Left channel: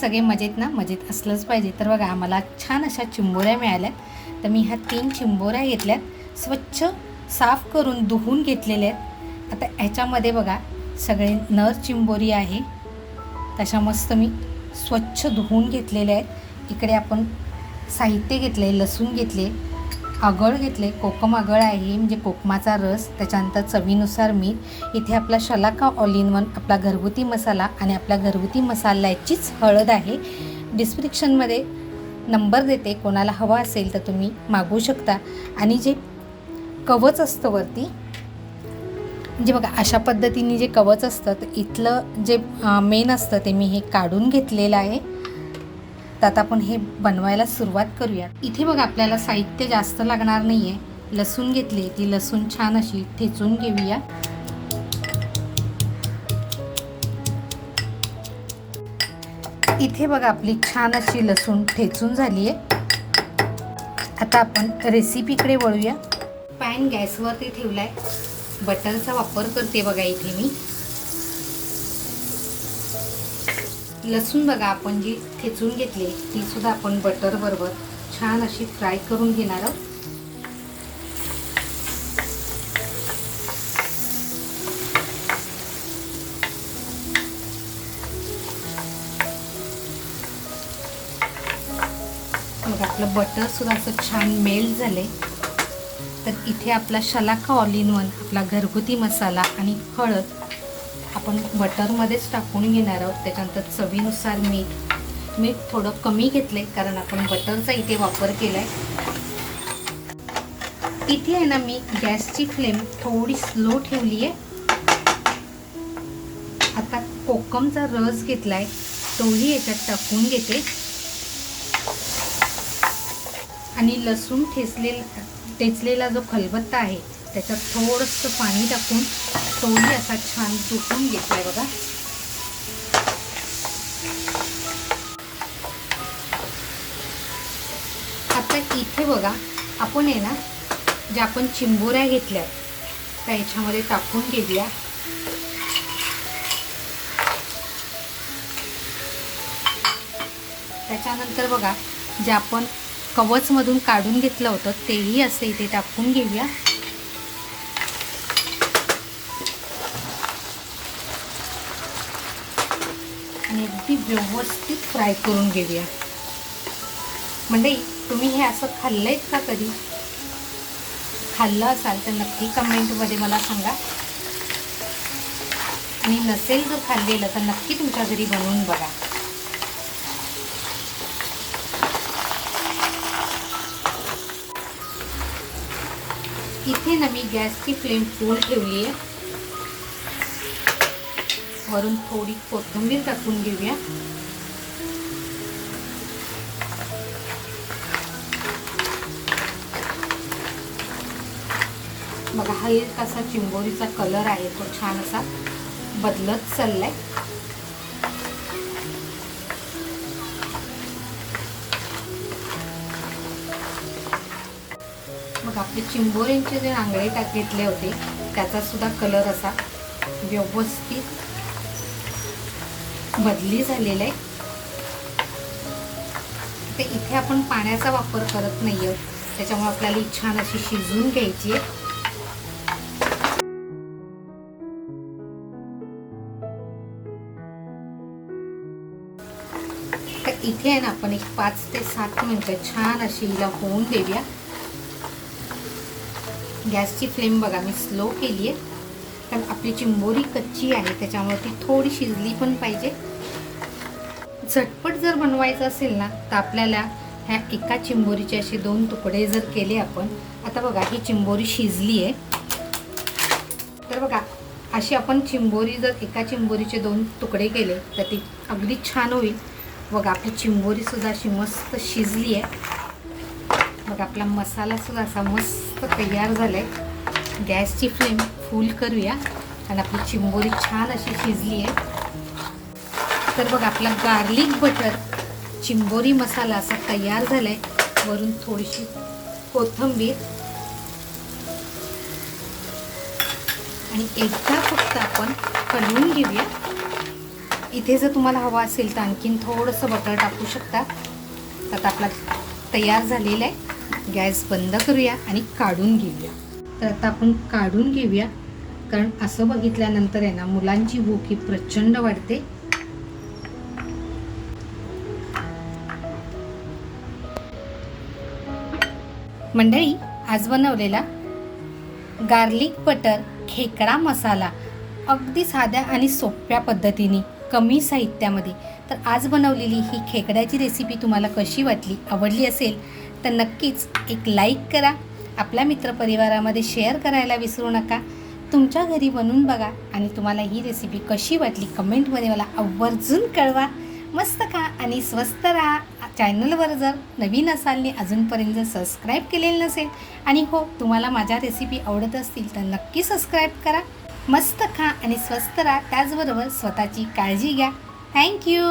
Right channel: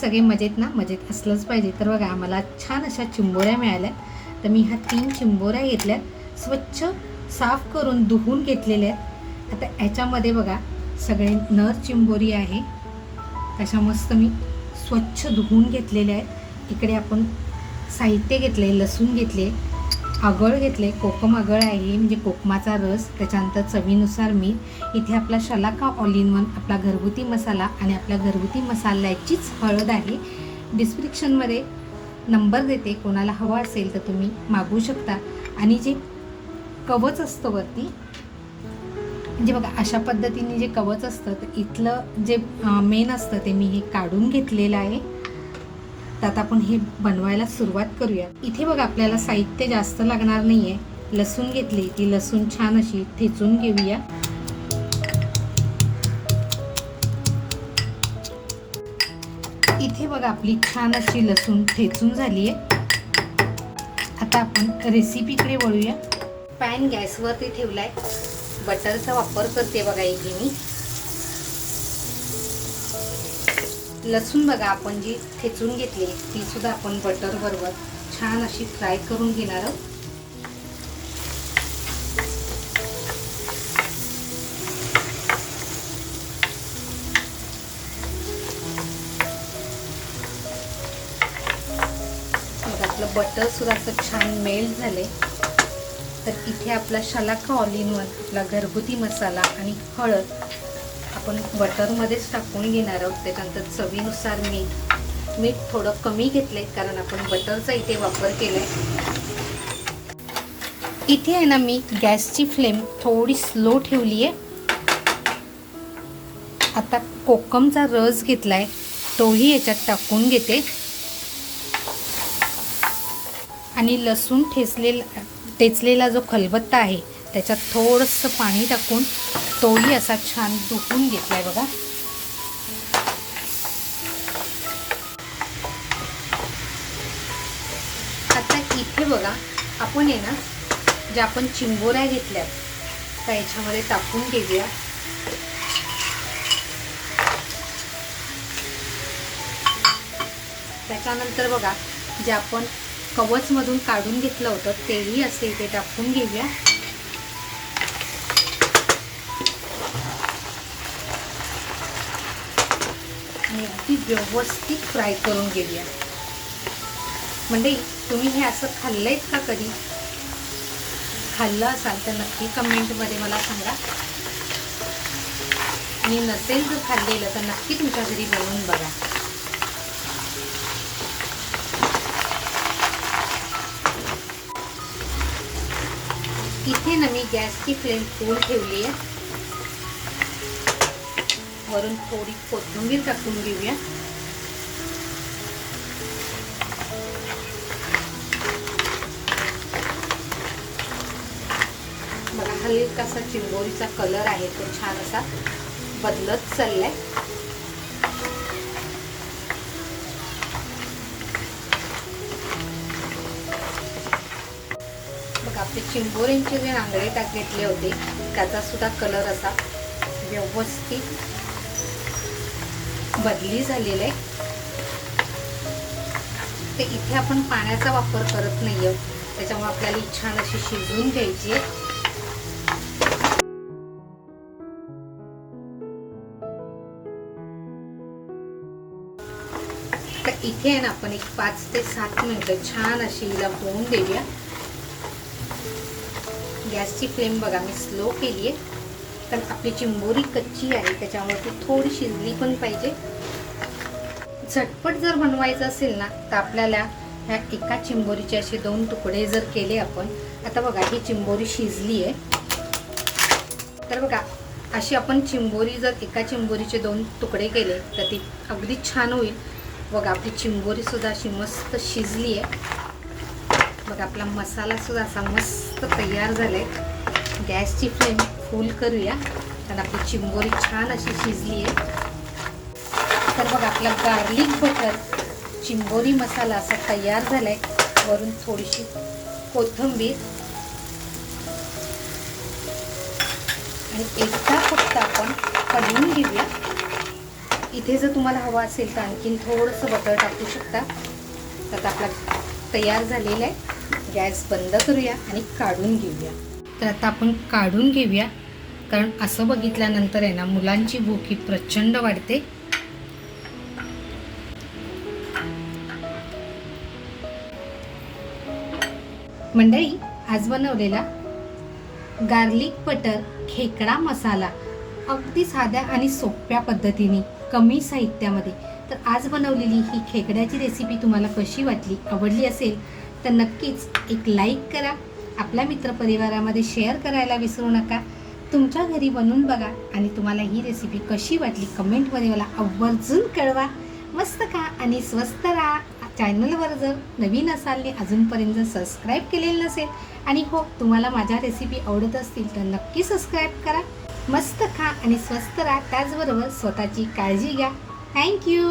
सगळे मजेत ना? मजेत असलंच पाहिजे. तर बघा आम्हाला छान अशा चिंबोऱ्या मिळाल्या. तर मी ह्या 3 चिंबोऱ्या घेतल्यात, स्वच्छ साफ करून धुवून घेतलेल्या आहेत. आता ह्याच्यामध्ये बघा सगळे नर चिंबोरी आहे, तशा मस्त मी स्वच्छ धुवून घेतलेल्या आहेत. इकडे आपण साहित्य घेतले, लसूण घेतले, आगळ घेतले, कोकम आगळ आहे म्हणजे कोकमाचा रस, त्याच्यानंतर चवीनुसार मीठ, इथे आपला शलाका ऑल इन वन आपला घरगुती मसाला आणि आपल्या घरगुती मसाल्याचीच हळद आहे. डिस्क्रिप्शनमध्ये नंबर देते, कोणाला हवा असेल तर तुम्ही मागवू शकता. आणि जे कवच असतं वरती, म्हणजे बघा अशा पद्धतीने जे कवच असतं तर इथलं जे मेन असतं ते मी हे काढून घेतलेलं आहे. तर आता आपण हे बनवायला सुरुवात करूया. इथे बघा आपल्याला साहित्य जास्त लागणार नाही आहे. लसूण घेतली, ती लसूण छान अशी ठेचून घेऊया. इथे बघा आपली छान अशी लसूण ठेचून झाली आहे. आता आपण रेसिपीकडे वळूया. पॅन गॅसवरती ठेवलाय, बटरचा वापर करते बघा. इथे मी लसूण बघा आपण जी ठेचून घेतली ती सुद्धा आपण बटर बरोबर छान अशी फ्राय करून घेणार आहोत. बघा आपलं बटर सुद्धा असं छान मेल्ट झाले. तर इथे आपला शलाका ऑल इन वन आपला घरगुती मसाला आणि हळद आपण बटरमध्येच टाकून घेणार आहोत. त्याच्यानंतर चवीनुसार मीठ थोडं कमी घेतले कारण आपण बटरचा इथे वापर केलाय. इथे आहे ना मी गॅसची फ्लेम थोडी स्लो ठेवली आहे. आता कोकमचा रस घेतलाय तोही याच्यात टाकून घेते आणि लसूण ठेचलेला जो खलबत्ता आहे त्याच्यात थोडंसं पाणी टाकून तोही असा छान धुवून घेतलाय बघा. आता इथे बघा आपण आहे ना ज्या आपण चिंबोऱ्या घेतल्या त्या याच्यामध्ये टाकून घेऊया. त्याच्यानंतर बघा जे आपण कवचमधून काढून घेतलं होतं तेही असं इथे टाकून घेऊया. आणि अगदी व्यवस्थित फ्राय करून घेऊया. म्हणजे तुम्ही हे असं खाल्लंय का? कधी खाल्लं असाल तर नक्की कमेंटमध्ये मला सांगा. आणि नसेल जर खाल्लेलं तर नक्की तुमच्या घरी बनवून बघा. इथे ना मी गॅसची फ्लेम फुल ठेवली आहे. वरून थोडी कोथिंबीर टाकून घेऊया. बघा हलकासा चिंबोरीचा कलर आहे तो छान असा बदलत चाललाय. बघा आपले चिंबोऱ्यांचे जे रांगळे घेतले होते त्याचा सुद्धा कलर असा व्यवस्थित बदली झालेला आहे. ते इथे आपण पाण्याचा वापर करत नाहीये, त्याच्यामुळे आपल्याला छान अशी शिजवून घ्यायची आहे. तर इथे आहे ना आपण एक 5 ते 7 मिनिटं छान अशी हिला होऊन देऊया. गॅसची फ्लेम बघा मी स्लो केली आहे कारण आपली चिंबोरी कच्ची आहे त्याच्यामुळे ती थोडी शिजली पण पाहिजे. झटपट जर बनवायचं असेल ना तर आपल्याला ह्या एका चिंबोरीचे असे 2 तुकडे जर केले आपण. आता बघा ही चिंबोरी शिजली आहे. तर बघा अशी आपण चिंबोरी जर एका चिंबोरीचे 2 तुकडे केले तर ती अगदी छान होईल. बघा आपली चिंबोरी सुद्धा अशी मस्त शिजली आहे. बघा आपला मसाला सुद्धा असा मस्त तयार झाले. गॅसची फ्लेम फुल करूया कारण आपली चिंबोरी छान अशी शिजली आहे. तर बघा आपला गार्लिक बटर चिंबोरी मसाला असा तयार झालाय. वरून थोडीशी कोथिंबीर आणि एकदा फक्त आपण हलवून घेऊया. इथे जर तुम्हाला हवा असेल तर आणखीन थोडंसं बटर टाकू शकता. आता आपला तयार झालेला आहे. गॅस बंद करूया आणि काढून घेऊया. तर आता आपण काढून घेऊया, कारण असं बघितल्यानंतर आहे ना मुलांची भूक ही प्रचंड वाढते. मंडळी, आज बनवलेला गार्लिक बटर खेकडा मसाला अगदी साध्या आणि सोप्या पद्धतीने, कमी साहित्यामध्ये. तर आज बनवलेली ही खेकड्याची रेसिपी तुम्हाला कशी वाटली, आवडली असेल तर नक्कीच एक लाईक करा. आपल्या मित्रपरिवारामध्ये शेअर करायला विसरू नका. तुमच्या घरी बनवून बघा आणि तुम्हाला ही रेसिपी कशी वाटली कमेंटमध्ये मला आवर्जून कळवा. मस्त खा आणि स्वस्त राहा. चॅनलवर जर नवीन असाल आणि अजूनपर्यंत जर सबस्क्राईब केलेलं नसेल आणि हो तुम्हाला माझ्या रेसिपी आवडत असतील तर नक्की सबस्क्राईब करा. मस्त खा आणि स्वस्त राहा. त्याचबरोबर स्वतःची काळजी घ्या. थँक्यू.